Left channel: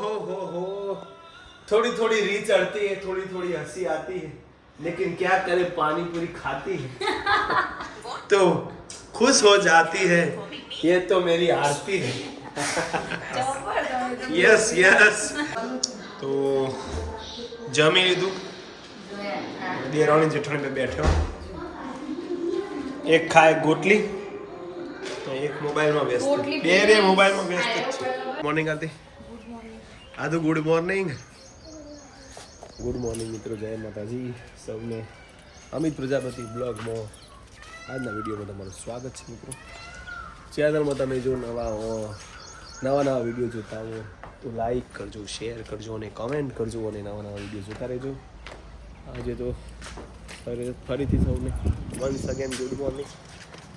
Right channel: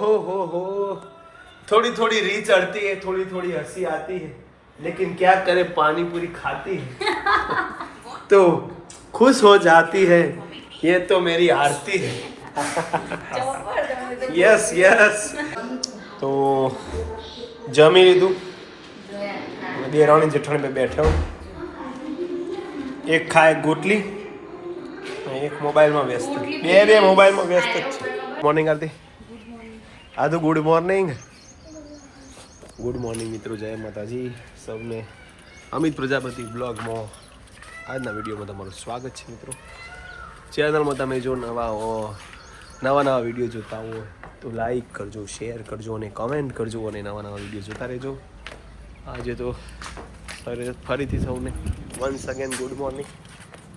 हो थोड़ी थोड़ी री चढ़ती है, थोड़ी थोड़ी हंसी आती है, लेकिन क्या करे पानी पूरी खाती है तो खुश हो जाती है, ये तो मेरी आरती है। Yes yes. तो जमी લીધું, દેરાણી જેઠાણી पे बैठे हो, एक खाए गोटली, एक મોબાઈલમાં વ્યસ્ત, બે મોબાઈલમાં વ્યસ્ત જ છે. મોર્નિંગ આરતી. આદુ ગુડ મોર્નિંગ. ગુડ મોર્નિંગ મિત્રો, જય માતાજી સૌને. અમિત પ્રજાપતિ બ્લોગમાં આજના વિડીયોમાં તમારું સ્વાગત છે મિત્રો. ચેનલમાં તમે જો નવા હો, નવા વિડીયો જોતા હો તો લાઈક કરજો, શેર કરજો અને કમેન્ટ કરજો અને નવા વિડીયો જોતા રહેજો. આજે તો ફરીથી સૌને વન્સ અગેન ગુડ મોર્નિંગ.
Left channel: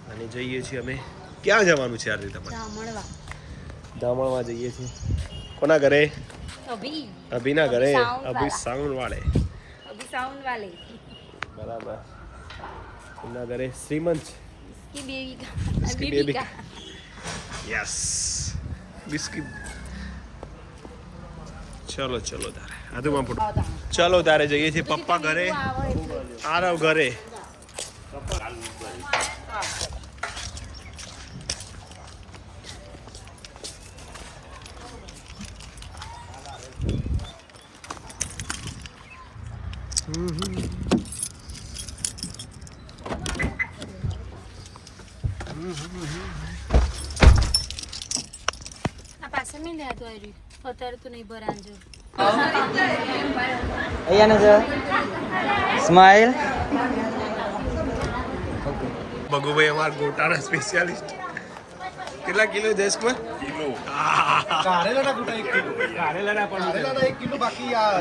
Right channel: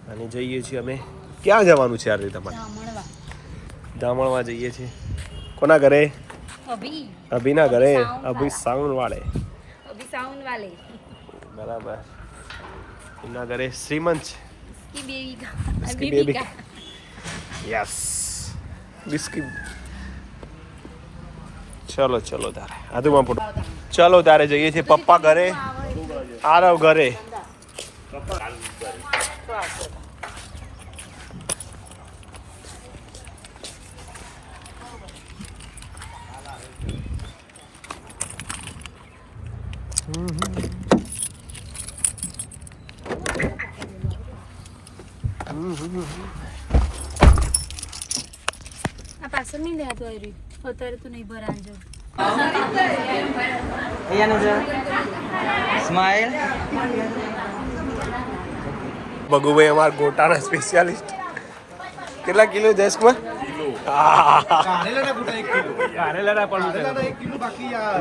અને જઈએ છીએ અમે, ક્યાં જવાનું છે આજે તમારે? જામણવા જઈએ છીએ. કોના ઘરે? અભિના ઘરે. અભી સાઉન્ડ વાળે. બરાબર. એમના ઘરે શ્રીમંત છે. Yes biscuit. ચલો તારે આધુમાં ફોટો. ચલો તારે જઈએ છીએ પપ્પા ઘરે, આરવ ઘરે. પાછળ નહીં લેતો અત્યારે તો નહીં ભરાજો. સ્માઈલ. ભગુભાઈ અમારા ગોટાના સ્પેશિયાલિસ્ટ. કેટલા કિલો દેશમાં?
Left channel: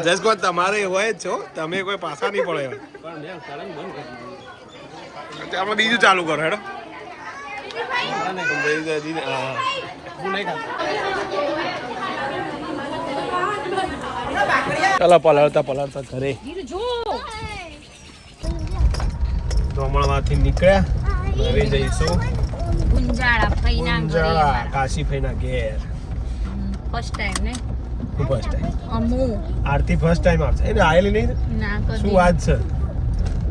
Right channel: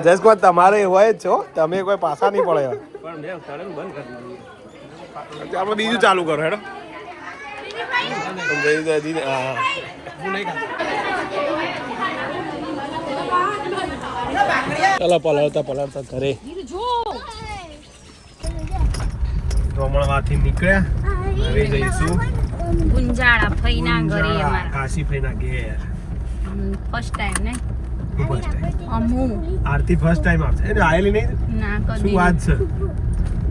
જસકુમાર તમારે હોય જ છો, તમે કોઈ પાછા નહીં પડે. આપણે બીજું ચાલુ કરો હેડો. ચાલો પલાળતા ઘરે. ધોમણમાંથી નીકળ્યા, હવે જઈશું ગુંજાળા ફઈના ઘરે. અમારા કાશી ફઈના ઘેર. ફર્સ્ટ ટાઈમ ને? First time. અમુ આરતી ફર્સ્ટ ટાઈમ આવશે. એને આયેલી નહીં ના કદી. શું વાત છે?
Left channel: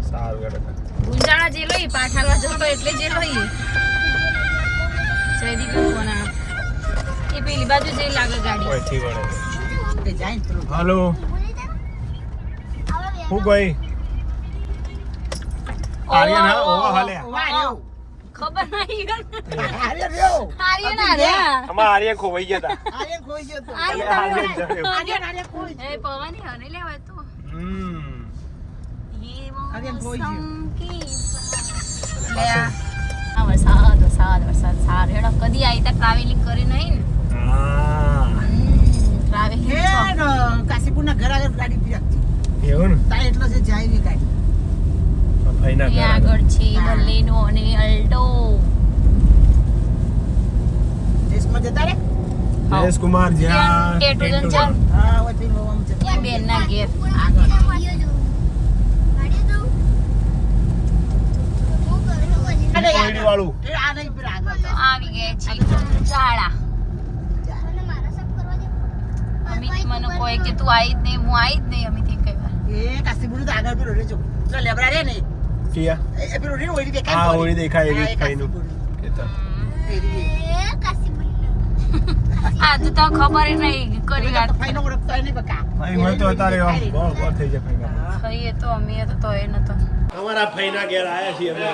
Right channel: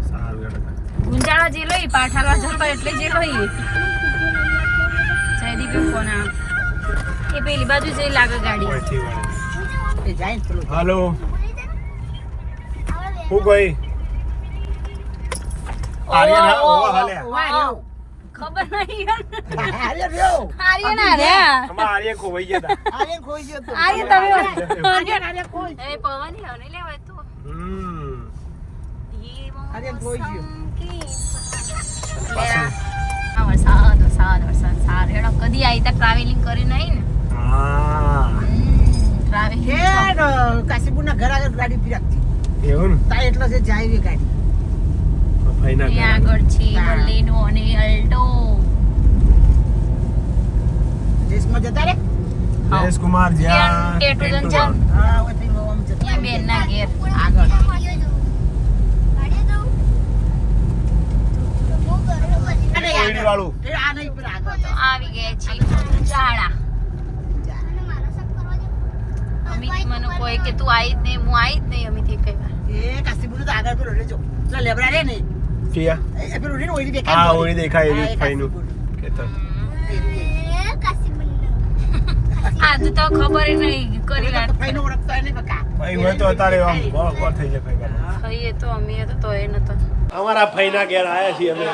સારું ગણતા ગુંજાળા જે લઈ પાઠાલવા જતો એટલે જે લઈ જયદીપ કોના એ પેલી બાજુ જઈ લાગે ગાડી. પછી વળે. હાલો હું કોઈ ખબર નહીં. આર્ય ખોવાઈ ગયા હતા. કદી આવી ત્યાં ટ્રાવેલિંગ કરી નહીં ને. કાશીપુર ના ઘર આગળ ગાડી ફિરાકતી એવું ને? તા એટલો છે જાય ગાડી. આગળ છે બર્લિનો અને અલ્ટો. દેશમાં જતા રે જયેશકુમાર જ્યાં ટેટુ જન હા ઓથી લોમ જતા ત્યાં બેન ના ઘેર આગળ. વાળું એ આ નહીં પર આગળ તો આવી ગયા છે ચાળા. અમિત મને કોઈ કે તું આવી જ નહીં, હું આવી જ નહીં. અમિત કઈ વાર એ કાશીપુર તો આગળ પર રેજો. તો લેબડા રે ને કિયા એ પેલું રીણ ઓઈ દેખાય. હા ઓઈ દેખાય એવી ફઈનું કેતો. હા તું તો ખબર નહીં કરી વાત. ફઈનો ઓળખતા નહીં બકા. ભાઈ મેં તો અત્યારે આમ ગોળ થઈ જાય. ખાઈએ તો અમે તો એ નતો. અમારા ફઈના ઘેર આયા છીએ અમે.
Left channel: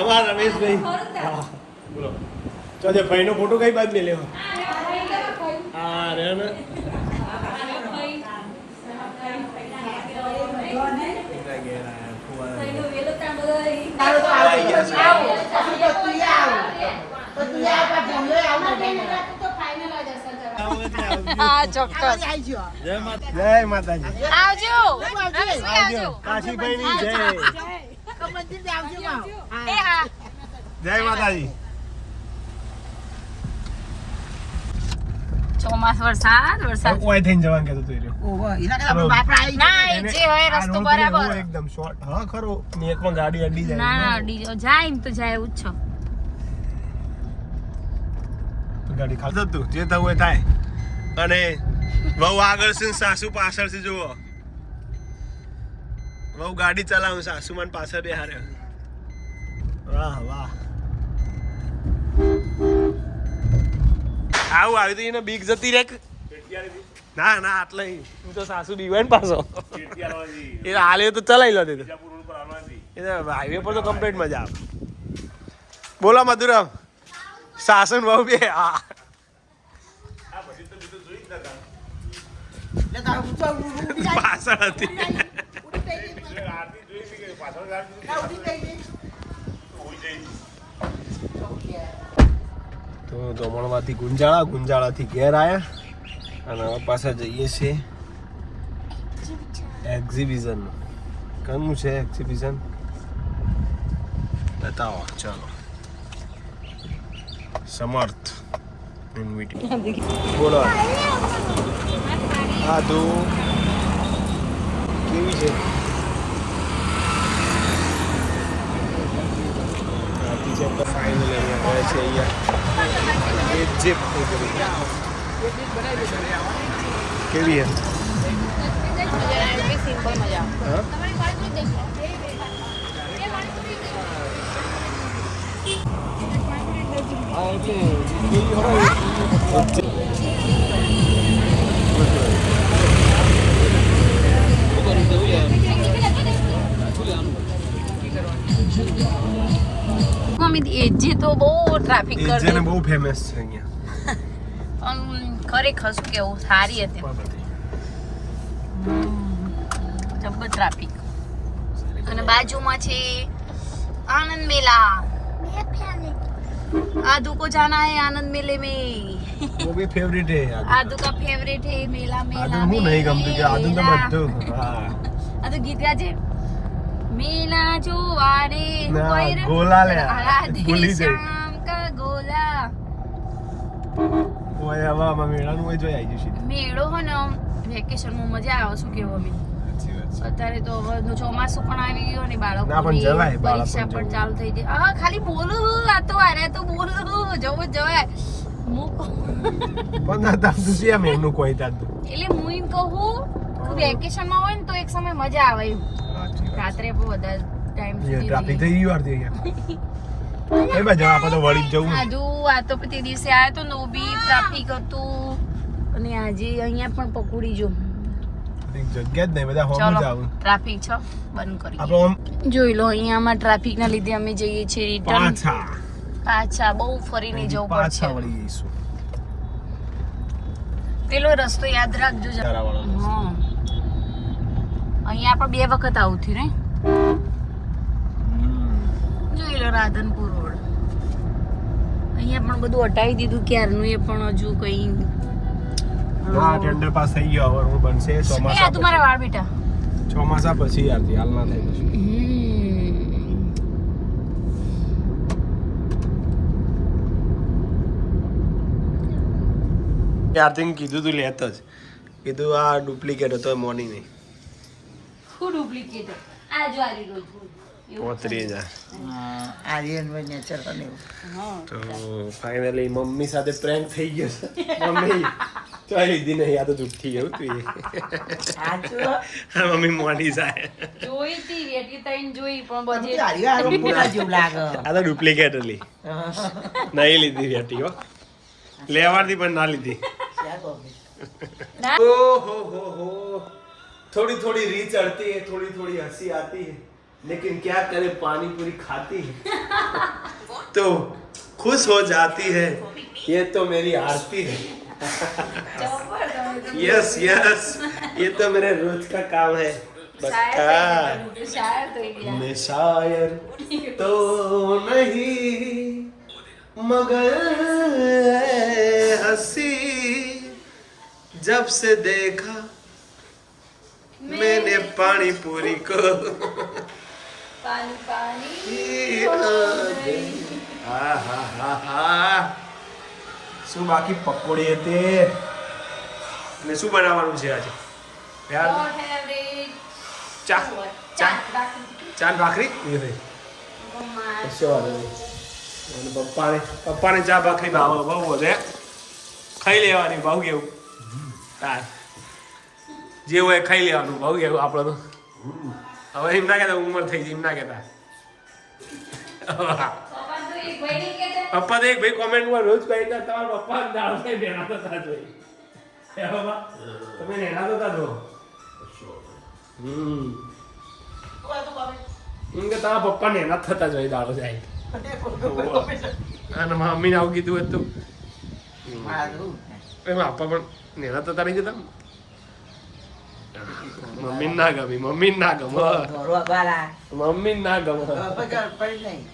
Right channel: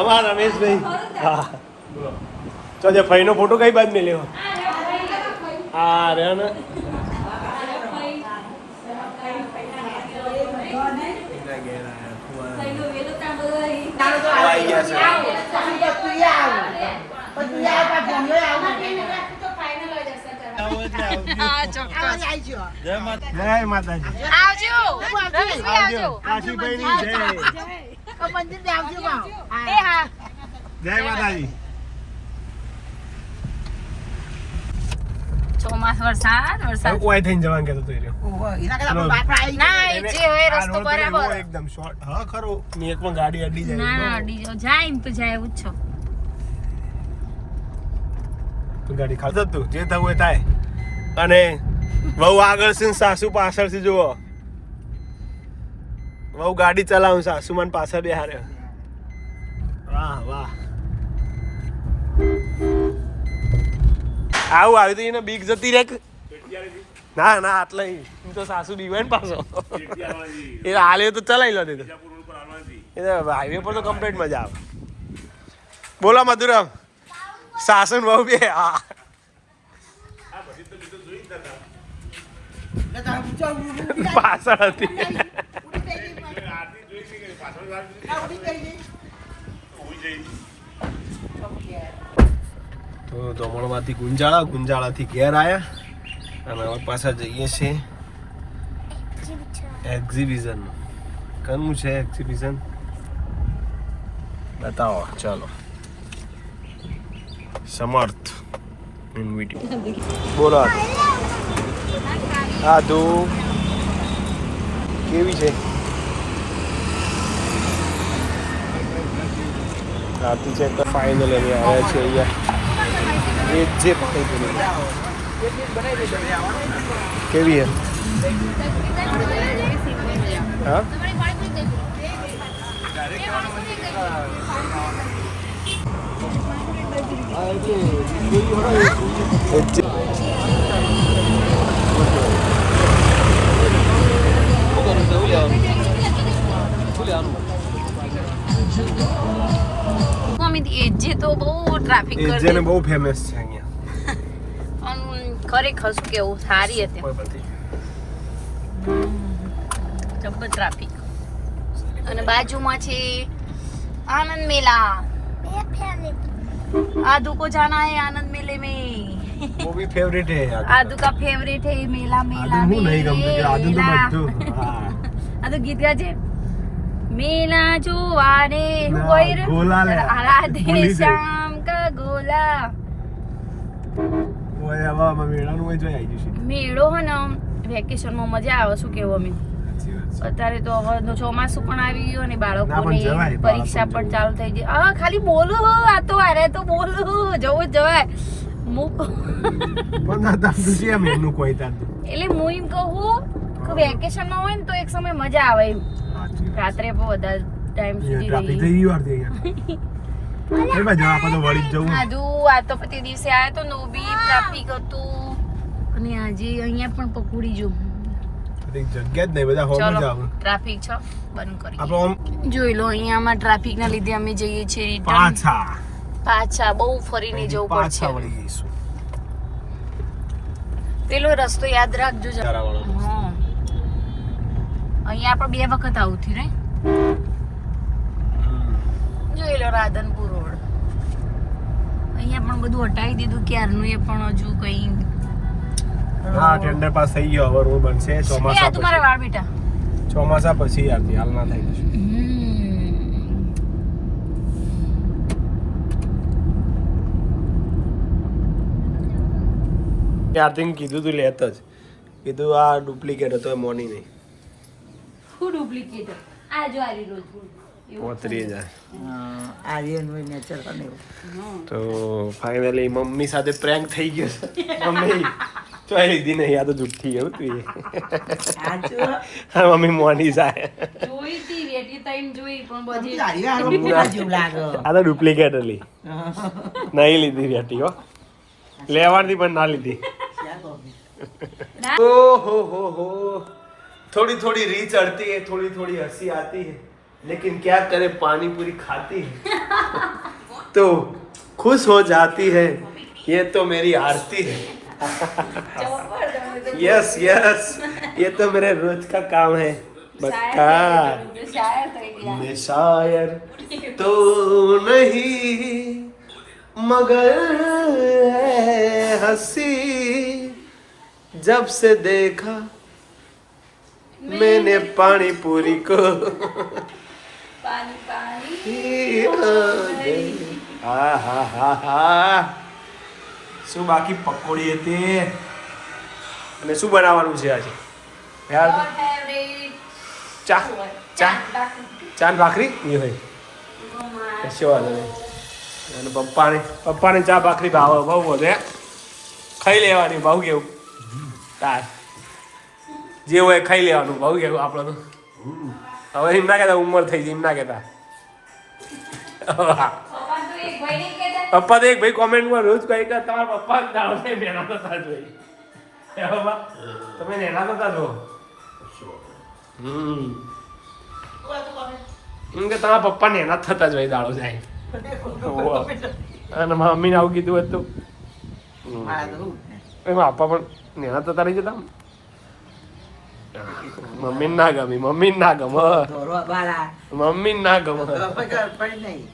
અમારા રમેશભાઈ. હા બોલો. તો જે ફઈનો ફોટો કઈ બાદ મેં લેવો? હા રે ને આવી ગયા છે. હા ચોક્કસ. જય માતાજી. આવજો રમેશભાઈ, આવજો. કાશીભાઈની જય. મંદિર દે આવજો માં. એ હા જય માતાજી. ચોમાસ વરસાદ કોઈ થઈને જવાનું કહેતો તો એ રહ્યો. ઓહો એના કરતા બાપ આવી. ના એ જે હોય રસ્તો બરાબર. એકદમ શોર્ટ. હા ખરું. ને એકમાં ગાડી અડી જાય. ના ડીજો જાય ને તો જાય એવું જ છો. ગાડી ખાલી થતું જે થવું એ થાય. અને બહુ આગળ છે ને સાસુ પાછળથી જુઓ. બહુ ગાડી ચલાવું સાસુ મને પાછળ બેહારે. વાહ વાહ. આવું આવી તો એને બીક જતી રે. ના ના આટલે હું તો સાસુ બીવાય ને પાછો એ હાલે તો ચલાવી લો. એ હાઈવે પર તો કમ્પ્લીટ મજા આવે. બોલો મધુરમ સાસુ બહુ બે. હા પાછળ હતી. તો દમણમાંથી ગુંજાળાથી ઘેર આવ્યા અને હવે પાછા જઈએ છીએ એક્ઝિબિશન. કયું છે એક્ઝિબિશન બતાવો. ચાલો. સમર્થ બોલો હા તો કેવી છે રાતી છે તો ફાઇનલ અમે આવ્યા છે અહીંયા ઇજિપ્ત. કેવી છે હા એજી તો બહુ ટ્રાફિક કરે બહુ ફેમસ છે અહીંયા. ખરેખર શું કેવું સારી હતી. જબર ટ્રાફિક. અને બાજુમાં છે આનંદ મેલા. आदू को जाना है आनंद मेले में. वो भी फेवरेट है आदू का फेवरेट है मेला मेला में. नहीं गमते आदू तो બધું. હા આ તો ગીત ગાજે. मेला જોવા રે કોઈ રે ગોલા લે રાધે શ્યામ કા ગોલા. ઓય હવે મેળાનું હોય જોઈ આવી જશે. મેળો હો ને વેકેશન માં મજા આવે. શું કેવું અમે અત્યારે તો હવે ચોમાસું પણ આવી ગયું ને બાળકોની પરીક્ષા પણ ચાલુ થઈ ગઈ. હા ખાલી બોલો આ તો અરે તો બોલો જવું જવાય. એટલે હું એમ કહું કે વેકેશન માં હોય ને તો એક સમય મજા આવે એમ. રાત્રે પણ વધારે ટાઈમ સુધી આ તો પછી દિવસે આવ્યા તો નો બી ટ્રાફિક હતું. અને આજે અહીંયા પણ પકોડી જો જગ્યા જ નહીં બધા હોમ જાવ. ટ્રાફિક છે બંધ કરી જોઈ લો. અહીંયામાં ટ્રાફિક ના લીધે અમે જઈએ છીએ રિટર્ન પાછા. બહુ ફરીને જવું પડશે. પેલો રસ્તો યાદ રાખજો. હા અહીંયા પણ 2 વખત આવું થયું ને. જોઈ લો રાધનપુર રોડ. અહીંયા પણ બધું હટાવી દીધું ક્યારનું. એ પણ હજુ કઈ હા ટેન્ડર પાસ થઈ ગયો. હવે રોડ બનશે ચોમાસા. એ તમારા વાળ બેટા ચોમાસા પછી આવતી હાલ ના થઈ જશે. યાર કીધું તું લેત જ કીધું આ ડુપ્લિકેટ હતો મોની નહીં. શું ડુપ્લિકેટ? આ જો આરી રોજ 35,000. આર્યન ભાઈ નેચર અને તો ફાઇનલી મમ્મી સાથે પ્રેન્ક થઈ ગયો છે. મમ્મી તો લીધી નહીં. આ તો જુઠ્ઠી એવું તું હા મમ્મી મોની સાહેબ જોઈ હતી વેટી તાઈન જોઈ પણ બજે જેવું લાગે. આ તો ડુપ્લિકેટ હતી. નહીં લીધી વેટી હો. લેવાથી પણ ના લીધી. ओहो हो थोड़ी थोड़ी री चढ़ती है, थोड़ी थोड़ी हंसी आती है, लेकिन क्या करे पानी पूरी खाती है तो खुश हो जाती है. ये तो मेरी आरती है. यस यस ये तो मेरे रोज का काम है. मैं शायर तो नहीं मगर हंसी जब से देखा मैंने पानी पूरी को पानी पानी હા હા હા હા. શું બાકી પકોડી હતી અને શું બનાવવાનું છે આજે યાર? ચા ચા ચા ભાખરી એ હોય કશો વાંધો નહીં. અને પપ્પાને ચા ભાખરી ભાવે બહુ વધે ખાઈ લેવાની ભાવ કેવું તાર જે હોય ખાઈ લેવાનું ભાવ કેવું આપણે તો હવે એમ ના કહેતા ઉંમર થઈ જાય એમ ના કહેતા પપ્પા તો એક ભાઈ કોમેન્ટમાં રોજ કહી કે તમારા પપ્પા દાળ નેના થતા જોઈ તમે નેના થતા જો એમ કે તમારા પપ્પા નેના થતા જોઈ દાડો જાય અને મમ્મીને આવું કીધું હતું એમાં આપવા પણ નેના થતા રહી જતા મમ્મી ના ગમી મમ્મી ના ગમે મમ્મી ના ગમે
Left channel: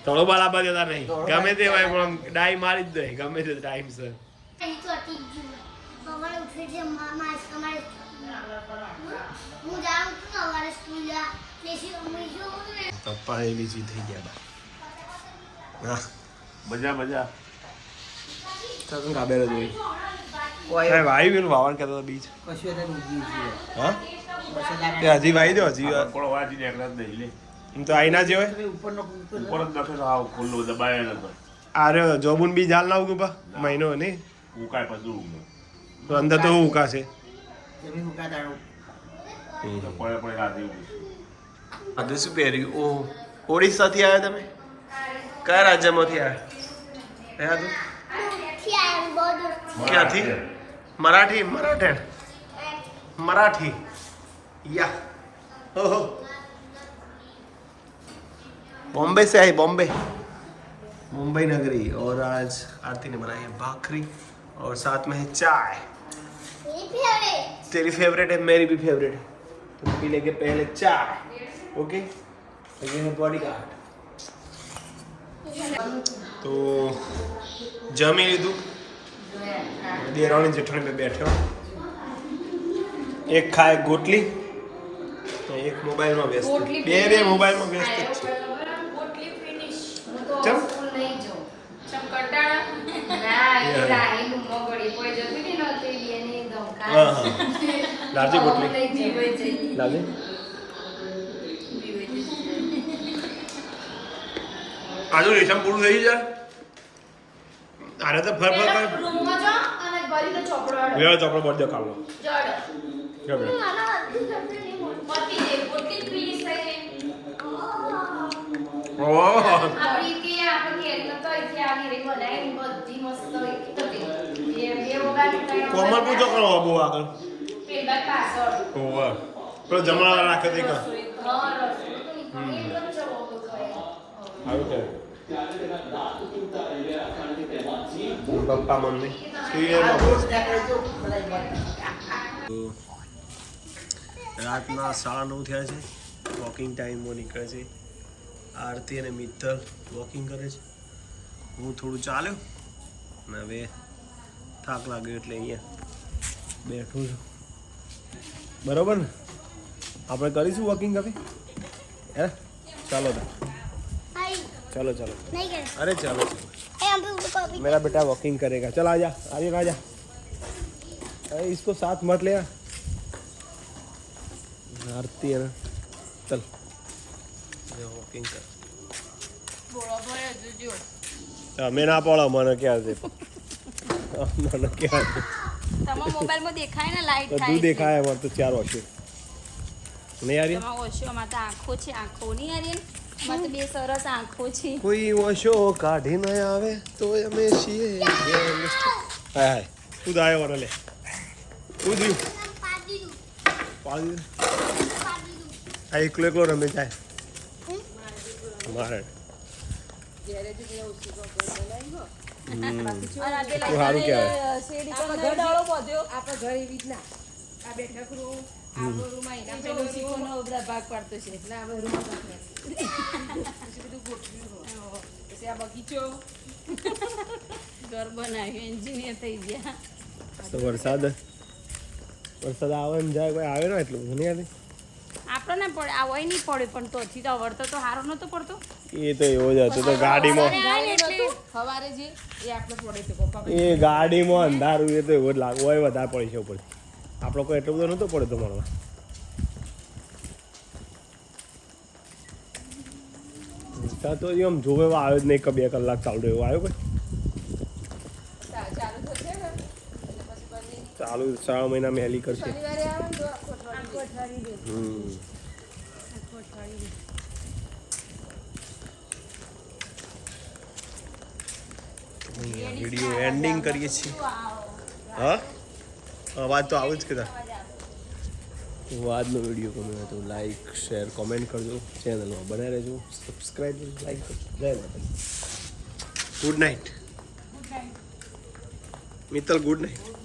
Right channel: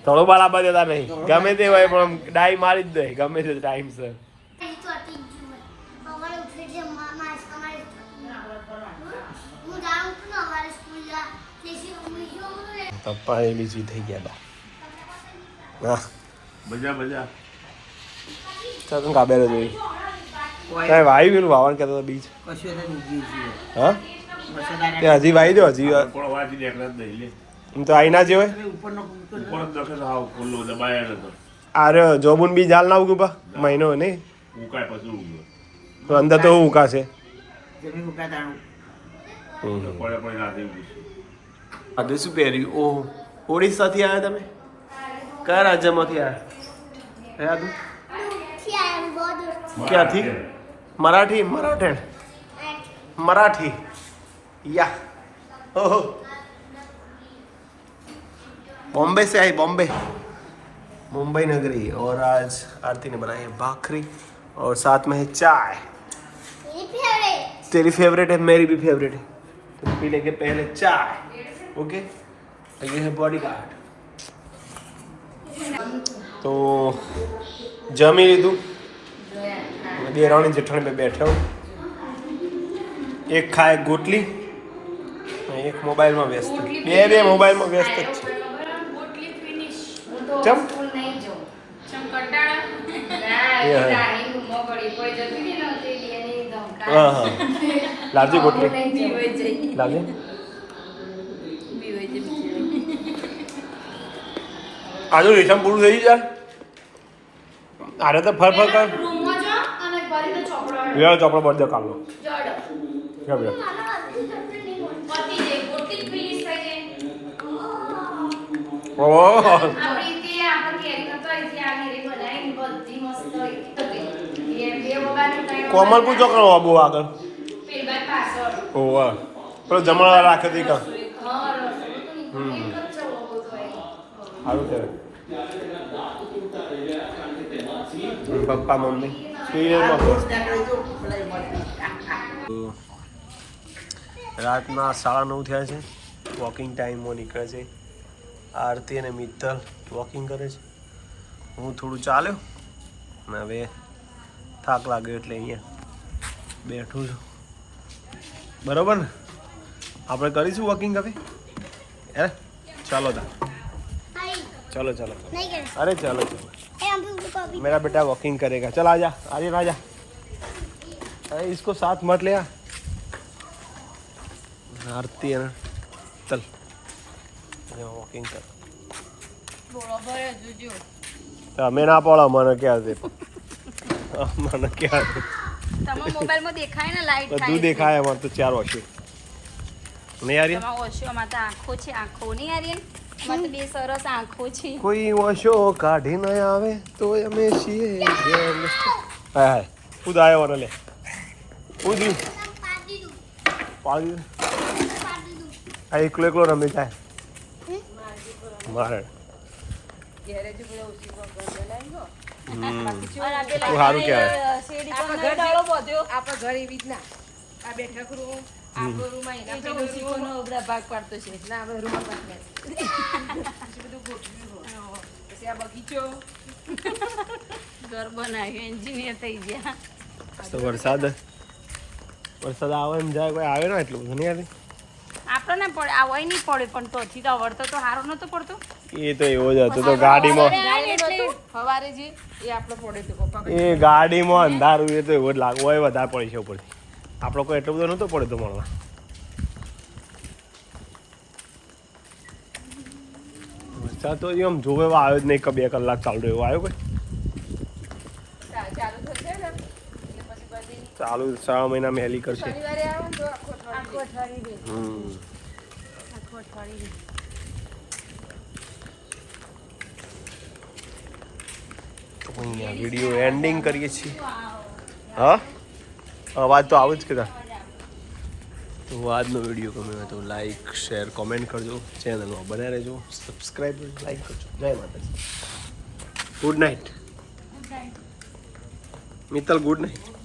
થોડો બરાબર જતા નહીં ગમે તે હોય પણ ડાઈ મારી જ દે ગમે તે ટાઈમ સર પપ્પા એ બીજી થઈ ગયા બા મજા ચાલ કાબેરે જોઈ કઈ વાઈ પેલું વાવણ કહેતો બીજ હા તે હજી વાઈ દો હજી એમ તો આઈ ના જે હોય અરે જોબુન બી જાલ ના ઉગું પા મહિનો ને તો અંદર તો હું ઉકાશે આજે શું પહેર્યું ઓહ ઓડિશાથી આવ્યા તમે કયા રાજ્યમાંથી આવ્યા તું ક્યાંથી मराठी मराठन मराठी या ओहो बॉम्बे से आई बॉम्बे मुंबई नगरी और आज आरती ने बनाई है भाखरी और साथ में है चाय तेरी फेवरेट है मेरी भी फेवरेट है तो पी लेंगे पहले चाय ओके ये है बॉडी गार्ड तो जमी લીધું દેરાણી જેઠાણી पे बैठे हो एक खाए गोटली एक मोबाइल में व्यस्त બે મોબાઈલ માં વ્યસ્ત જ છે ચમ હા હા લાવજે ગોટલી લાવજે આજુ રેશમ પૂરું થઈ જાય આરે તો ફર ફર કર લેવા ચોપડો બળ દે કાલનો કોમલપુર ચોકડો બહુ આગળ ઓવા પેલો જમણા રાખે તે કા સારું છે પપ્પા મમ્મી રાતના 9:30 થયા છે વોકિંગ ટાઈમમાં નીકળે છે આરતી અને મિત્તલ વોકિંગ કરે છે હું થોડું ચાલ્યો અને હવે થાક લાગ્યો એટલે અહીંયા બેઠું છું બરોબર ને આપણે કરીશું વોકિંગ હવે હે ચાલો તા चलो चलो नहीं करे अरे चलो चलो मेरा बेटा वॉकिंग करेगा चल आजा आर्यन आजा अरे इसको साथ मत ले आरती है ना चल वॉकिंग कर मैं ना पड़ा मन क्या दे मन क्या दे તમારા મોબાઈલ માં દેખાય ને લાઈટ બધું દેખાય અમાર તો 4 વર્ષો નહીં આર્યન તમારા ઓશોમાં તો આંખો છે આંખો નહીં આર્યન બે સરસ આંખો છે કોઈ ઓશો કાઢી ન આવે તો અમે છીએ હાય હાય ખુદ આવ્યો ને લે ઉજી પાડી આ એકલો એકલો રમે જાય મારે સારું કહેવાય આપણા ઘર એવી જ ના આ બેઠક રૂમ આપણો રૂમ બધા ભાગ પાડતો છે ના આપણે રૂમ ભાગ બધું ગોઠવ્યું હોય પછી આ બગીચો ઘર બનાવ્યું એન્જિનિયર થઈ ગયા તો વરસાદ આવે એમ જાય કોઈ આવે ને એટલું બધું નહીં આવે આપણને પડે આ હોય નહીં પડે પણ તો હજી તો વળતો તો સારો નતો પડતો એ તો એવો જ હતો તો ગાડીમાં એટલે સવારે જે એ આપણે પડે તો પપ્પા એ ગાડીમાં અંધારું એ તો એવો જ લાગે હોય વધારે પડી છે ઉપરથી આપણો કોઈ એટલો બધો નહોતો પડે તો મળવા વરસાદ તો એમ જોવે એવો આવ્યો જ નહીં કે 2 કલાક ચાલુ રહ્યો આવ્યો કોઈ ચાલુ 3 મહિનામાં હેલી કરશે. શનિવારે આવે ને તો આખું અઠવાડિયું દે. આખું અઠવાડિયું દે. વિડીયો એન્ડિંગ કરીએ છીએ. હા અવાજ તો આવું જ કદા. તો આજનો વિડીયો ગમ્યો હોય તો લાઈક શેર કોમેન્ટ કરજો, ચેનલમાં બન્યા રહેજો, સબસ્ક્રાઈબ લાઈક કરજો. જય માતાજી. Good night Mittal, good night.